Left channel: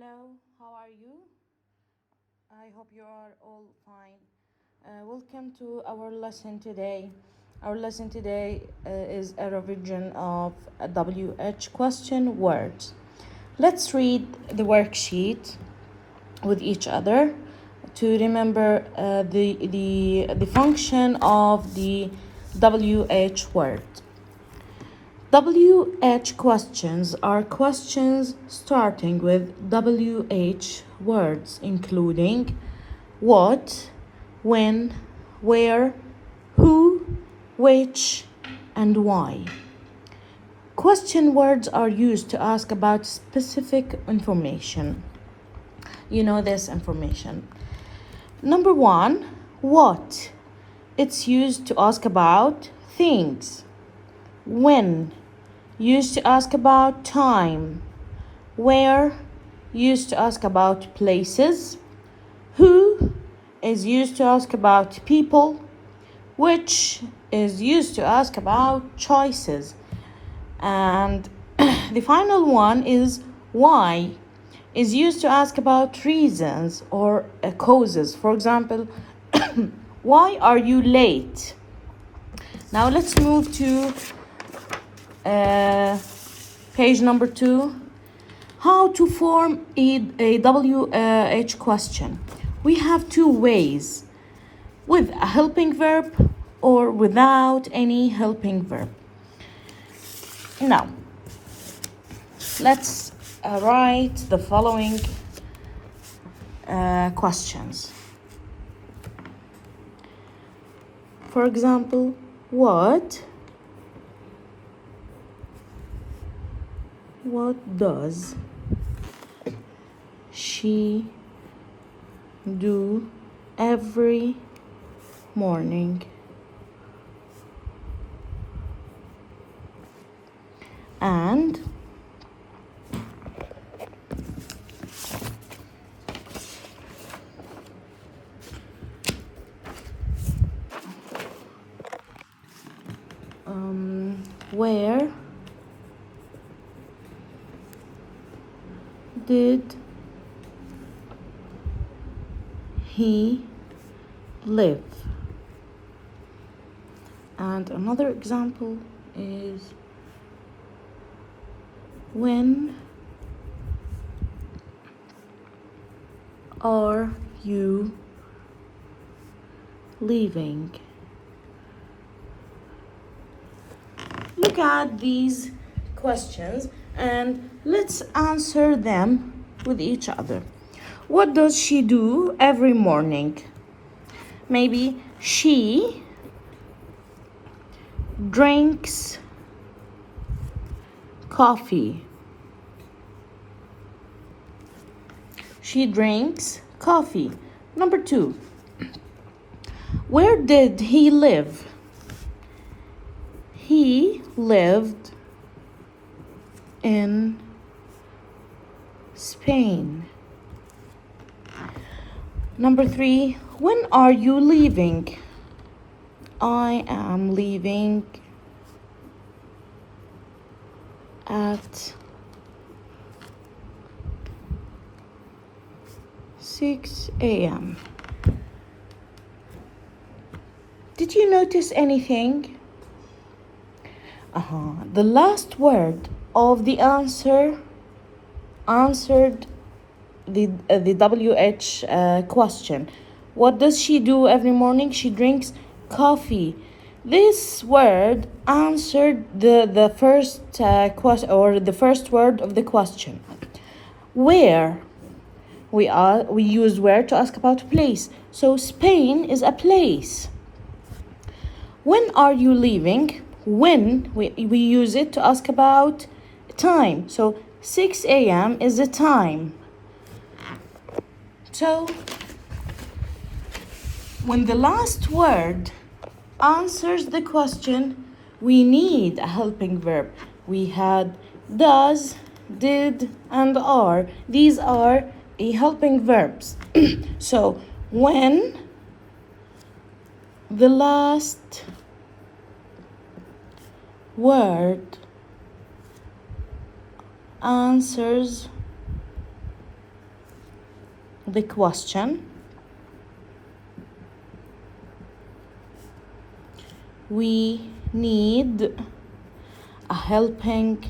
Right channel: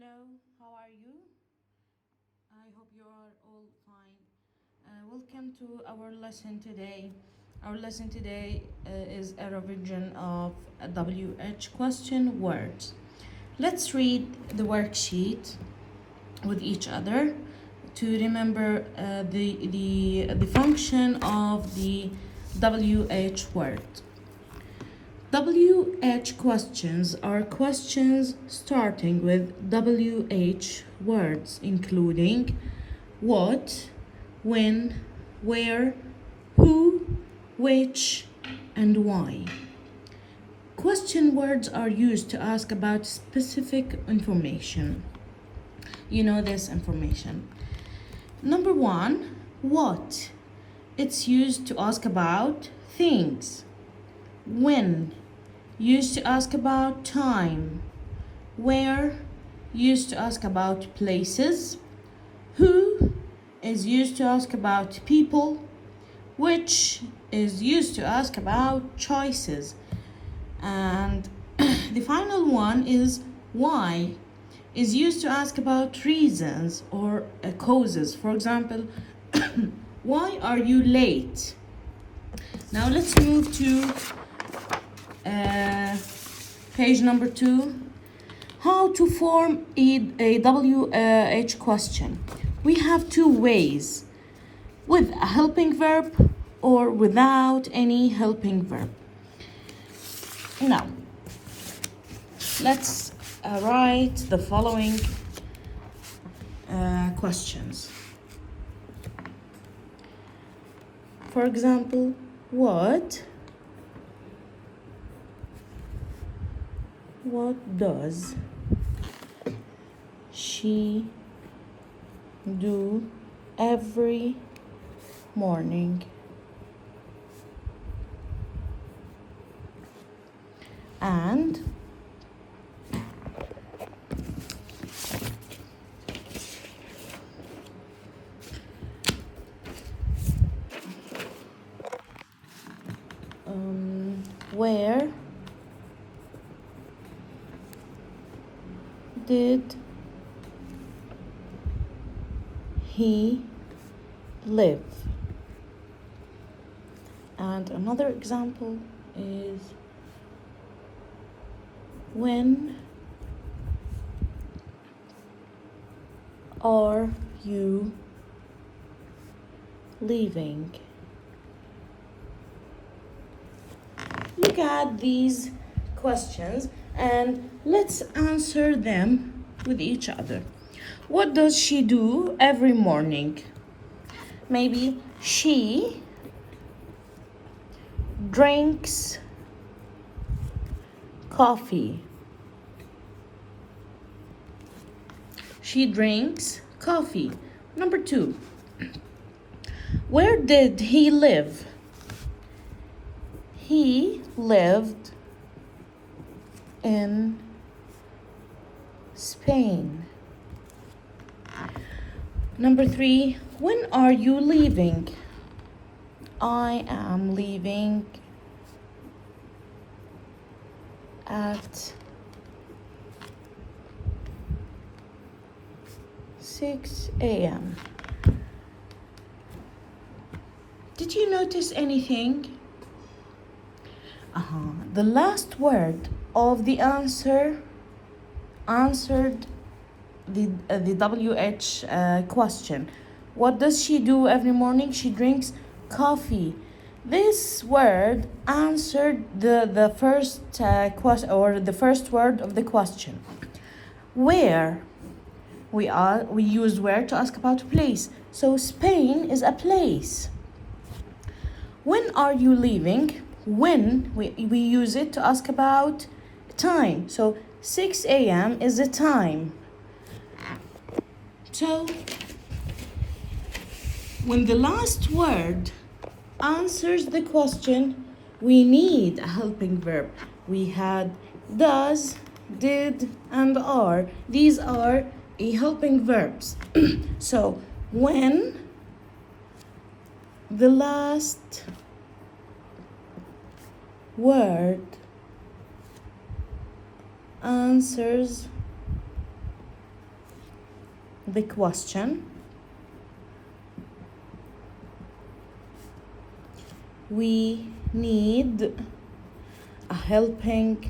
Hello, how are you? I hope you are all fine. Welcome to our lesson today. Our lesson today is a revision of a WH question words. Let's read the worksheet with each other to remember the function of the WH word. WH questions are questions starting with WH words, including what, when, where, who, which, and why. Question words are used to ask about specific information. You know this information. Number one, what? It's used to ask about things. When? Used to ask about time. Where? Used to ask about places. Who is used to ask about people. Which is used to ask about choices. And the final one is why, is used to ask about reasons or causes. For example, why are you late? Now let's move to page number 2. How to form a WH question. We have two ways, with a helping verb or without any helping verb. Now, let's write the following questions. For example, what does she do every morning? And where did he live? And another example is, when are you leaving? Look at these questions and let's answer them with each other. What does she do every morning? Maybe she drinks coffee. She drinks coffee. Number 2. Where did he live? He lived in Spain. Number 3. When are you leaving? I am leaving at 6 a.m. Did you notice anything? The last word of the answer answered the WH question. What does she do every morning? She drinks coffee. This word answered the first question, or the first word of the question. Where? We use where to ask about a place. So Spain is a place. When are you leaving? When we use it to ask about time. So 6 a.m. is the time. So when the last word answers the question, we need a helping verb. We had does, did, and are. These are helping verbs. So when the last word answers the question, we need a helping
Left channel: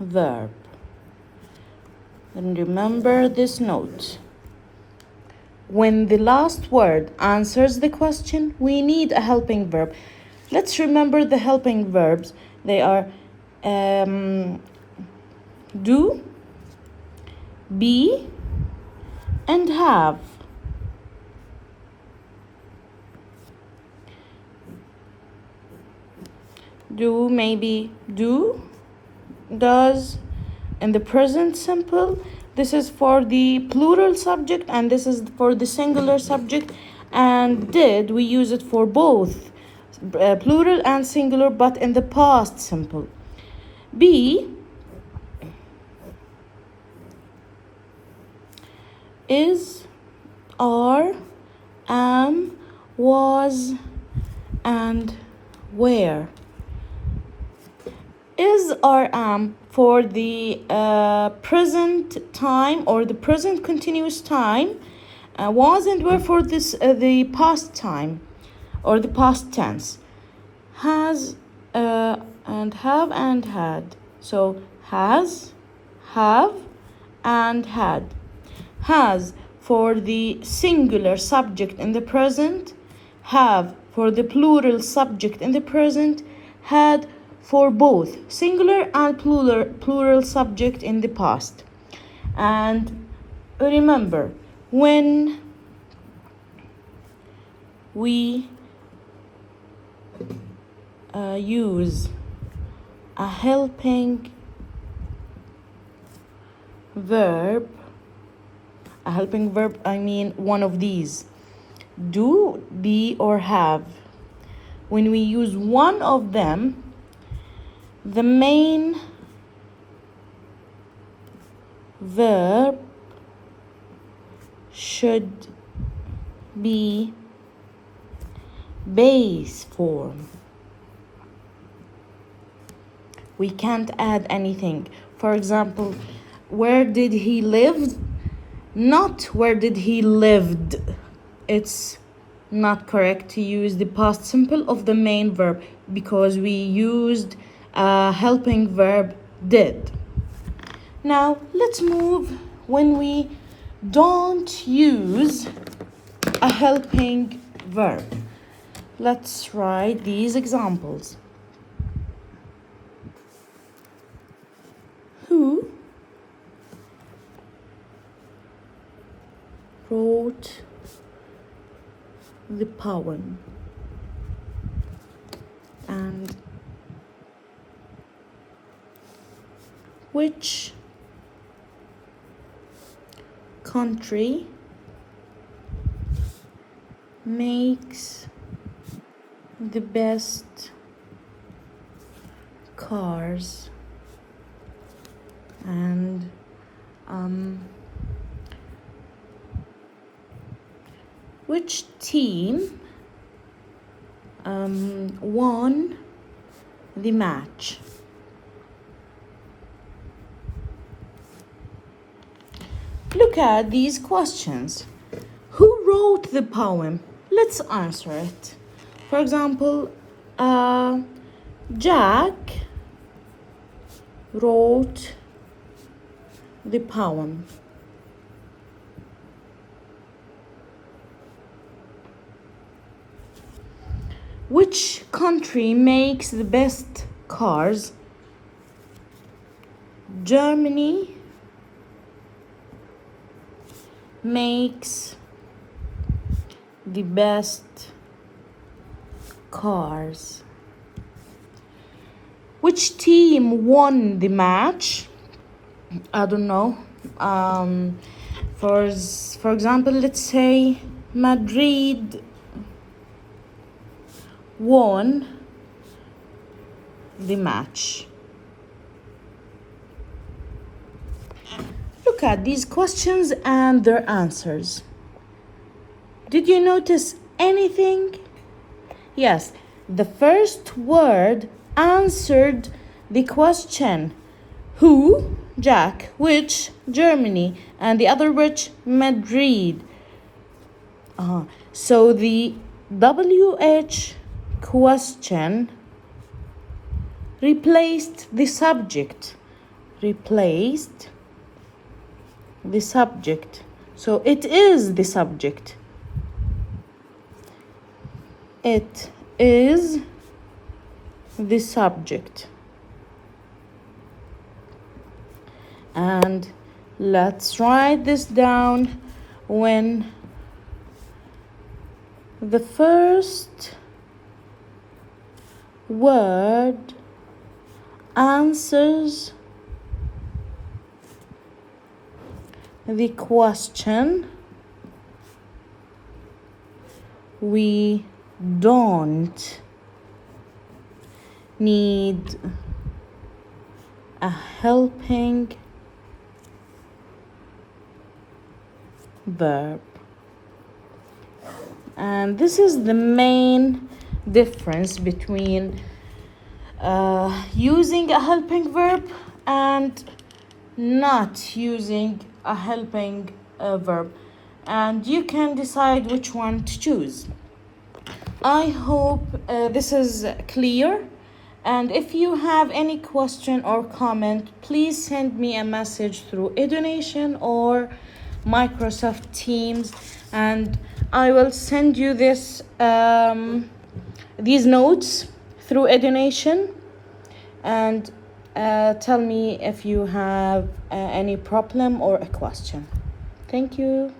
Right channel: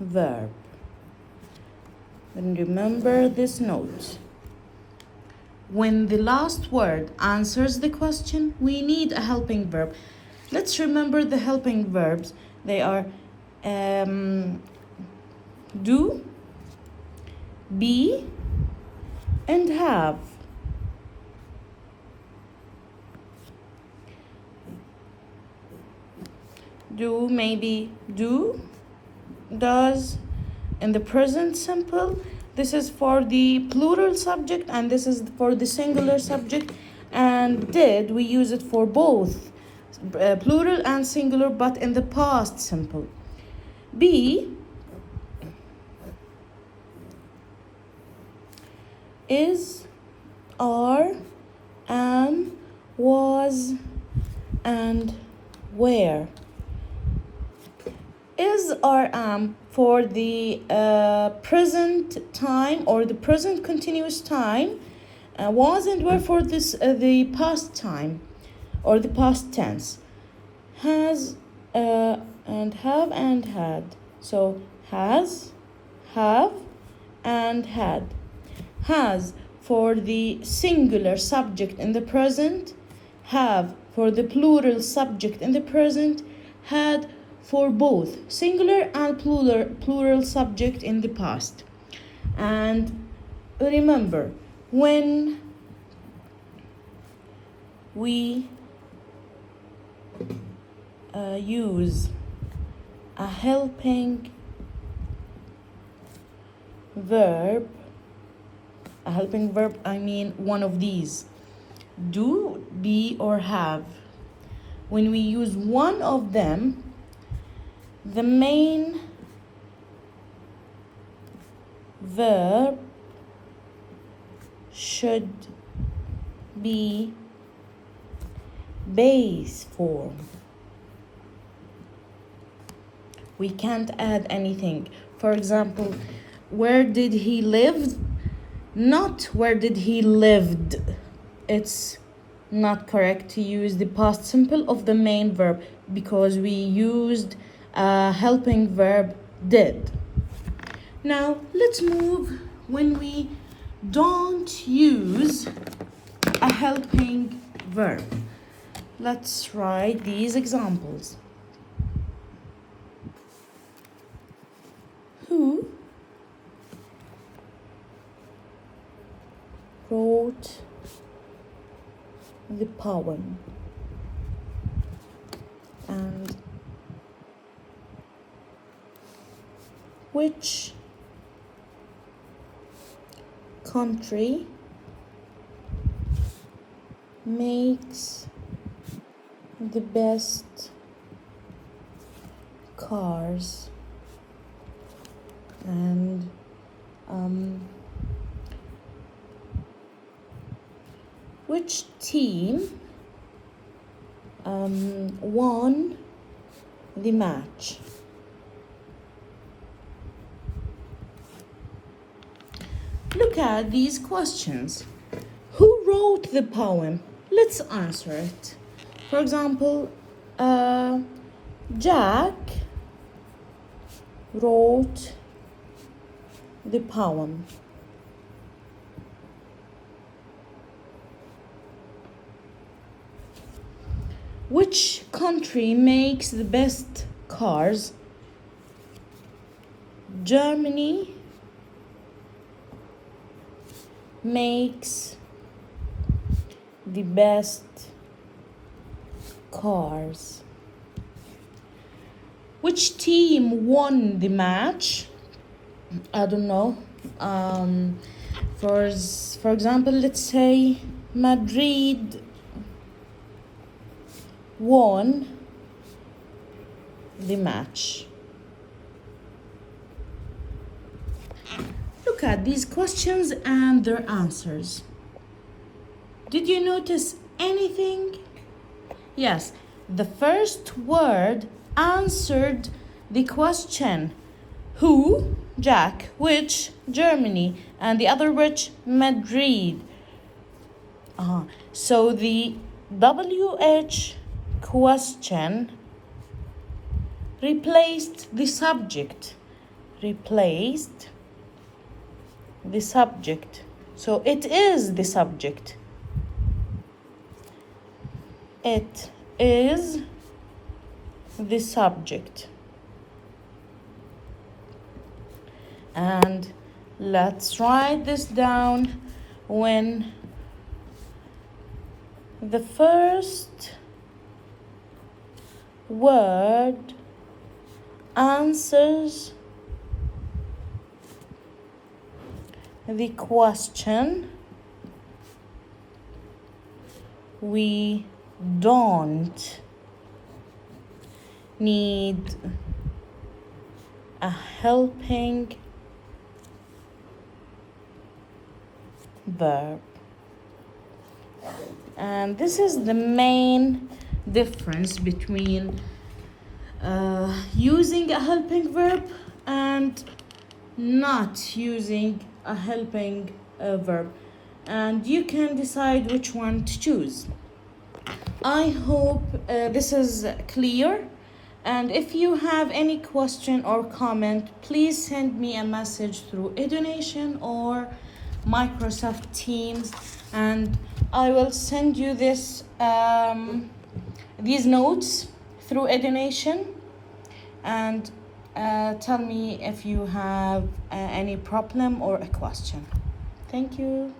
verb. And remember this note. When the last word answers the question, we need a helping verb. Let's remember the helping verbs. They are do, be, and have. Do, maybe do, does, in the present simple. This is for the plural subject and this is for the singular subject. And did, we use it for both plural and singular, but in the past simple. Be is, are, am, was, and where. Is or am for the present time or the present continuous time. Was and were for this the past time or the past tense. Has and have and had. So has, have, and had. Has for the singular subject in the present. Have for the plural subject in the present. Had for both singular and plural subject in the past. And remember, when we use a helping verb, I mean one of these, do, be, or have. When we use one of them, the main verb should be base form. We can't add anything. For example, where did he live? Not where did he lived. It's not correct to use the past simple of the main verb because we used a helping verb did. Now let's move when we don't use a helping verb. Let's write these examples. Who wrote the poem? And which country makes the best cars? And which team won the match? Look at these questions. Who wrote the poem? Let's answer it. For example, Jack wrote the poem. Which country makes the best cars? Germany makes the best cars. Which team won the match? I don't know. For example, let's say Madrid won the match. Look at these questions and their answers. Did you notice anything? Yes, the first word answered the question. Who Jack. Which? Germany. And the other which? Madrid. So the WH question replaced the subject. Replaced the subject. So it is the subject. It is the subject. And let's write this down. When the first word answers the question, we don't need a helping verb. And this is the main difference between using a helping verb and not using a helping verb, and you can decide which one to choose. I hope this is clear, and if you have any question or comment, please send me a message through eDonation or Microsoft Teams, and I will send you this these notes through eDonation, and tell me if you have any problem or a question. Thank you.